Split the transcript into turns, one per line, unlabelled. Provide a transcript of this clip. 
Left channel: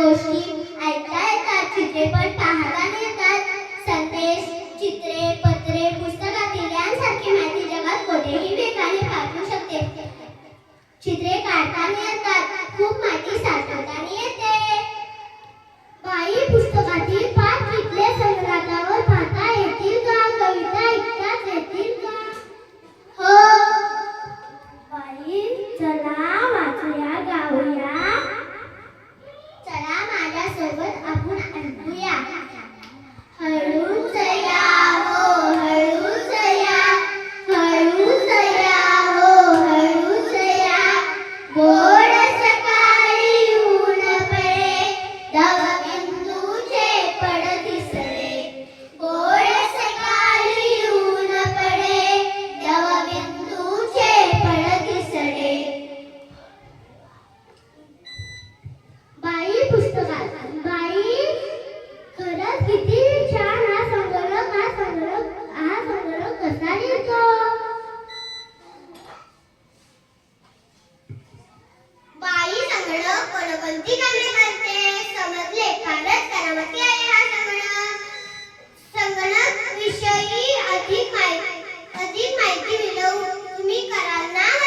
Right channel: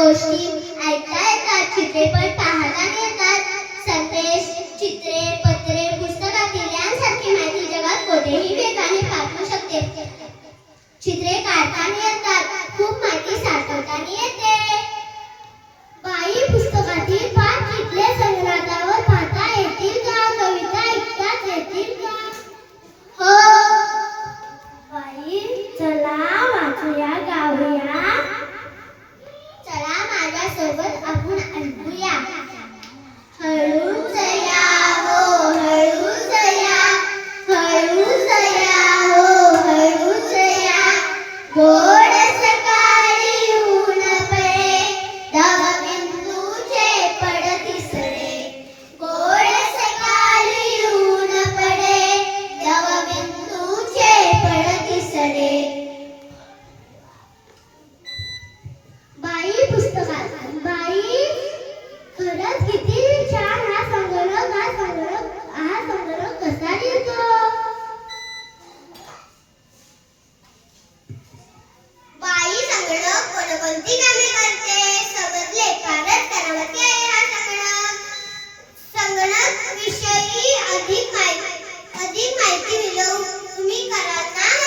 गोष्टी ऐकता येतात चित्रपट पाहता येतात संदेश चित्रे पत्रे पुस्तकातील यांसारखी माहिती जगात कोठेही वेगाने पाठवू शकते. चित्रे काढताना येतात खूप माहिती साठवताना येते बाई पुस्तकातील पाच चित्रे संग्रहावर पाहता येतील का? कविता ऐकता येतील का? हो. बाई चला. अधिक माहिती मिळवून तुम्ही कराल ना?